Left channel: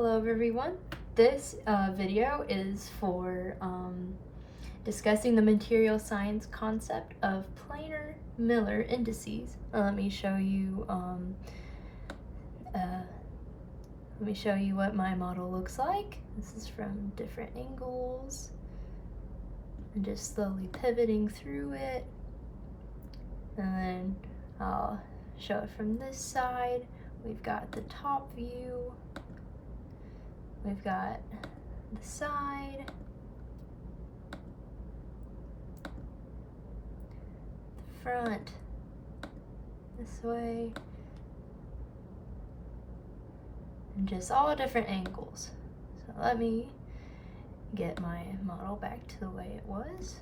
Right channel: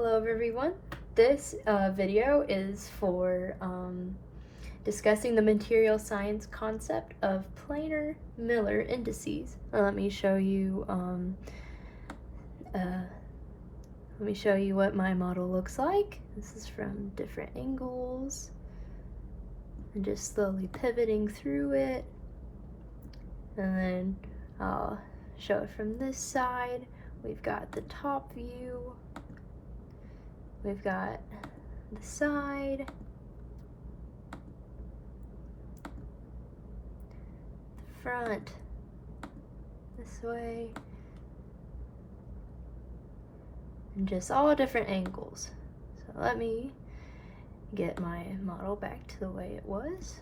Hello everyone. This video is for discussing the material science concept of planar Miller indices. Let me show you what my model looks like. This is from different angles and just slowly pivoting through it. And then I'll show it from this side. We've got the top view. We've got the side, the front, this way, and just all different angles. So let me get my model back to the way it was.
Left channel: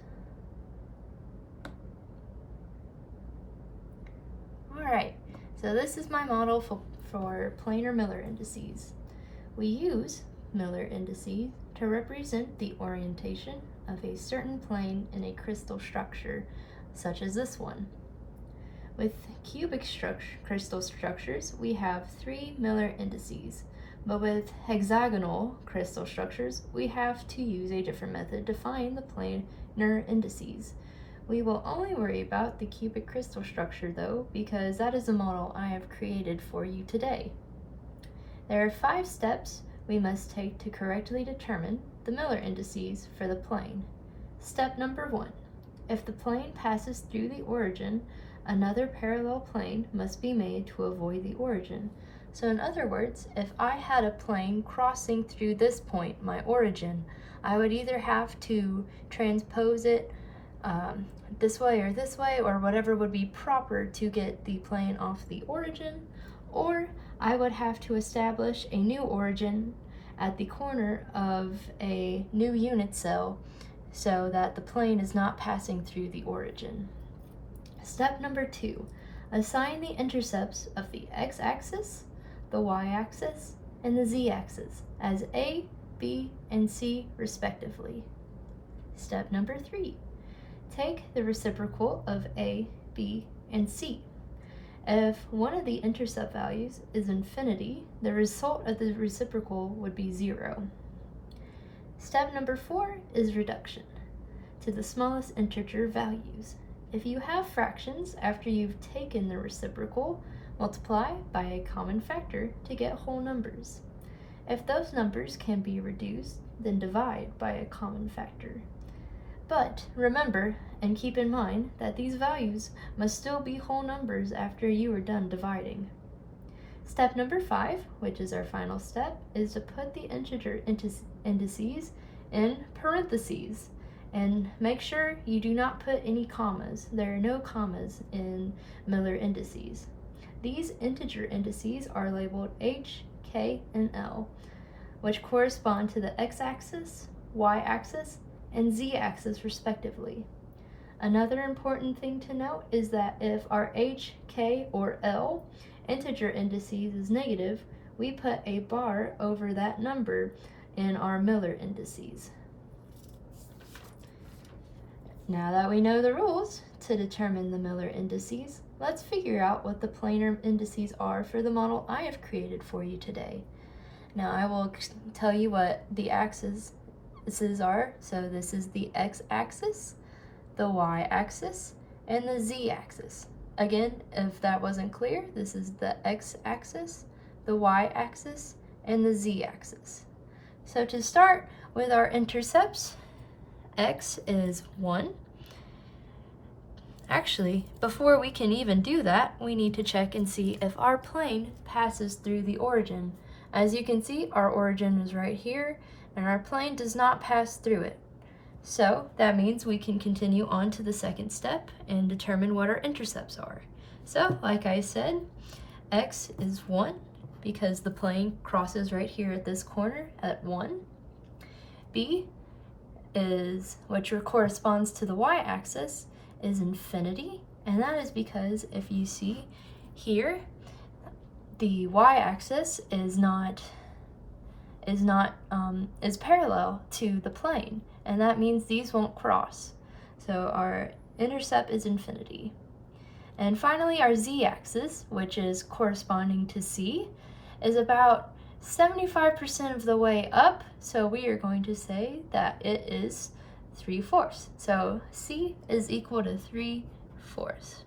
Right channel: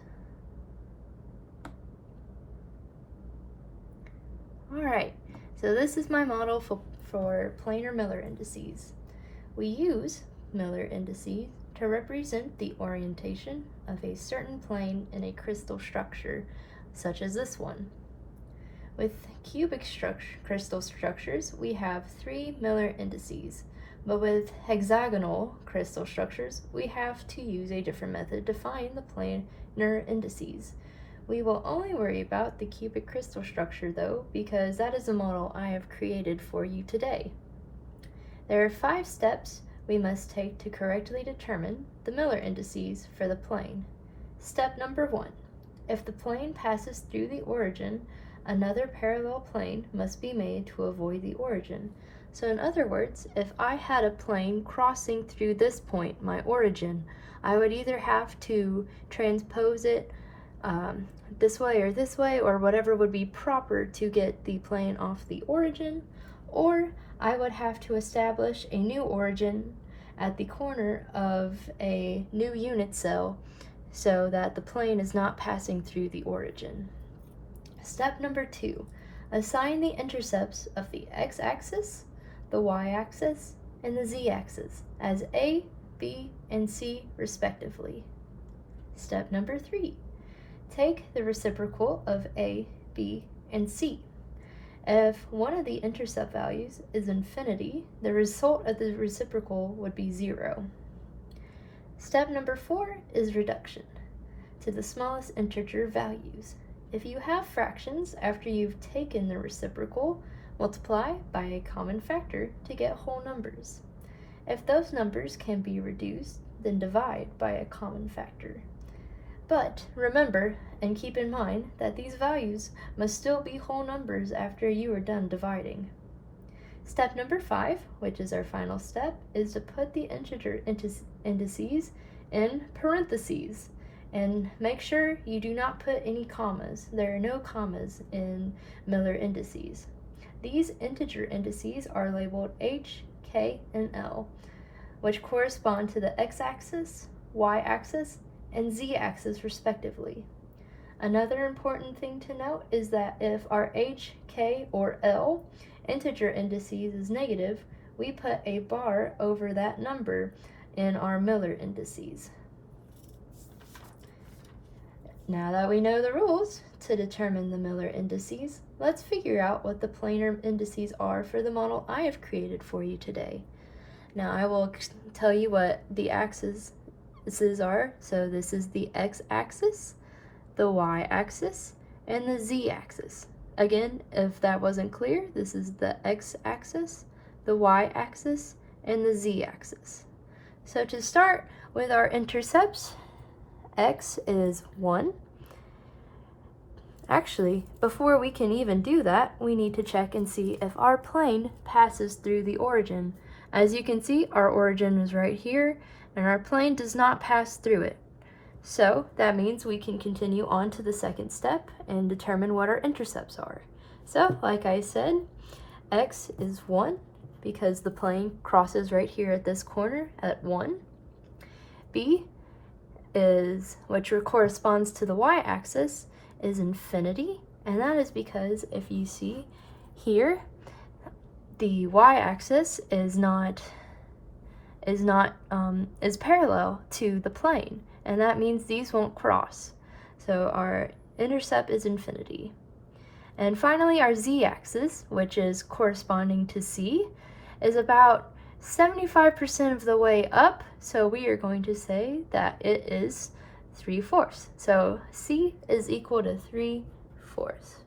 Alright, so this is my model for planar Miller indices. We use Miller indices to represent the orientation of a certain plane in a crystal structure, such as this one. With cubic crystal structures, we have 3 Miller indices, but with hexagonal crystal structures, we have to use a different method to find the planar indices. We will only worry about the cubic crystal structure though, because that is the model I have created for you today. There are 5 steps we must take to correctly determine the Miller indices for the plane. Step number 1. If the plane passes through the origin, another parallel plane must be made to avoid the origin. So in other words, if I had a plane crossing through this point, my origin, I would either have to transpose it this way, or whatever would be proper to get the plane off the origin, or I would have to establish a new origin at the corner of a new unit cell so that the plane is not passing through the origin. Step number 2, assign the intercepts of the x-axis, the y-axis, and the z-axis as A, B, and C respectively. Step number 3, take the reciprocal of A, B, and C. If one of the intercept values is infinity, the result of the reciprocal would be 0. Step number 4 is reduction to the smallest integer values. If you have fractions after you've taken the reciprocal, multiply by a common factor to get whole numbers. If those numbers can be reduced, then divide by a common factor. But remember and keep in mind that these values must still be whole numbers after you are done dividing. Step number 5, which is our final step, is to put the integer indices in parentheses. And make sure you do not put any commas. There are no commas in Miller indices. These integer indices are labeled H, K, and L, which correspond to the x-axis, y-axis, and z-axis respectively. Another important thing to note is that if our H, K, or L integer indices is negative, we put a bar over that number in our Miller indices. Now that we know the rules to determine the Miller indices, let's figure out what the planar indices are for the model I have created for you today. Now I will tell you what the axes are. So this is the x-axis, the y-axis, and the z-axis. Again, if that wasn't clear, this is the x-axis, the y-axis, and the z-axis. So to start with our intercepts, x is 1. Actually, before we can even do that, we need to check and see if our plane passes through the origin. As you can see, our origin is right here, and our plane does not pass through it. So that means we can continue on to the second step and determine what our intercepts are. So like I said, x is 1 because the plane crosses right here at this corner at 1. B is, which corresponds to the y-axis, is infinity, and that is because if you see here, the y-axis is parallel to the plane, and that means these won't cross. So our intercept is infinity. And finally, our z-axis, which is corresponding to C, is about 75% of the way up, so we are going to say that it is 3/4. So C is equal to 3/4.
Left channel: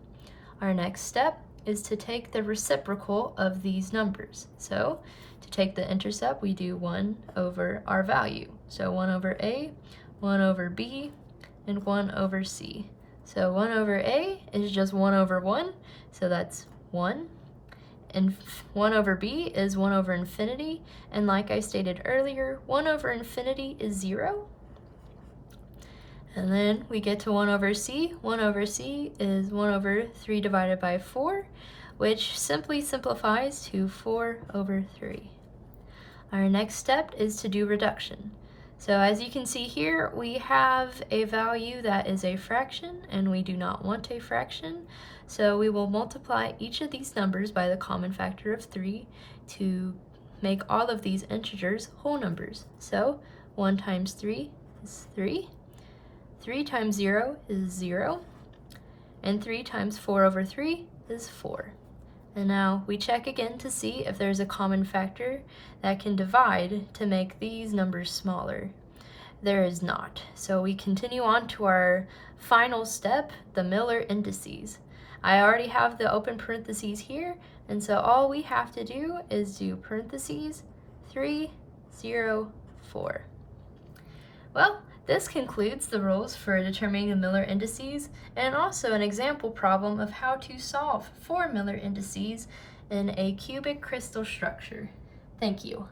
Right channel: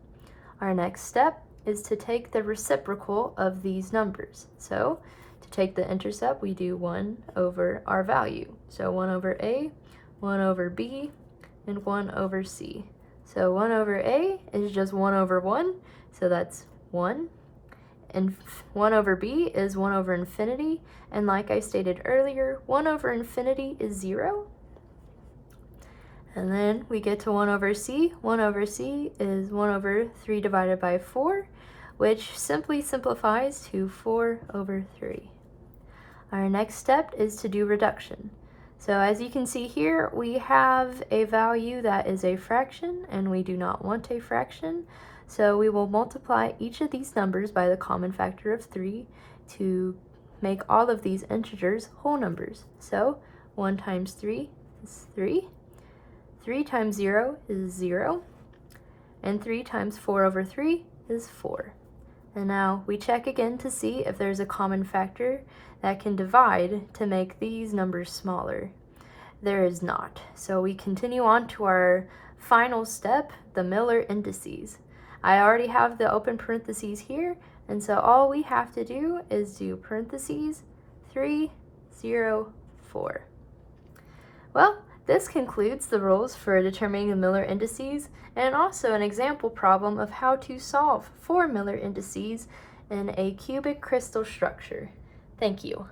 Our next step is to take the reciprocal of these numbers. So to take the intercept, we do 1 over our value. So 1 over A, 1 over B, and 1 over C. So 1 over A is just 1 over 1, so that's 1. And 1 over B is 1 over infinity, and like I stated earlier, 1 over infinity is 0. And then we get to 1 over C. 1 over C is 1 over 3 divided by 4, which simply simplifies to 4 over 3. Our next step is to do reduction. So as you can see here, we have a value that is a fraction, and we do not want a fraction. So we will multiply each of these numbers by the common factor of 3 to make all of these integers whole numbers. So 1 times 3 is 3. 3 times 0 is 0. And 3 times 4 over 3 is 4. And now we check again to see if there's a common factor that can divide to make these numbers smaller. There is not. So we continue on to our final step, the Miller Indices. I already have the open parentheses here, and so all we have to do is do parentheses 3, 0, 4. Well, this concludes the rules for determining the Miller Indices, and also an example problem of how to solve for Miller Indices in a cubic crystal structure. Thank you.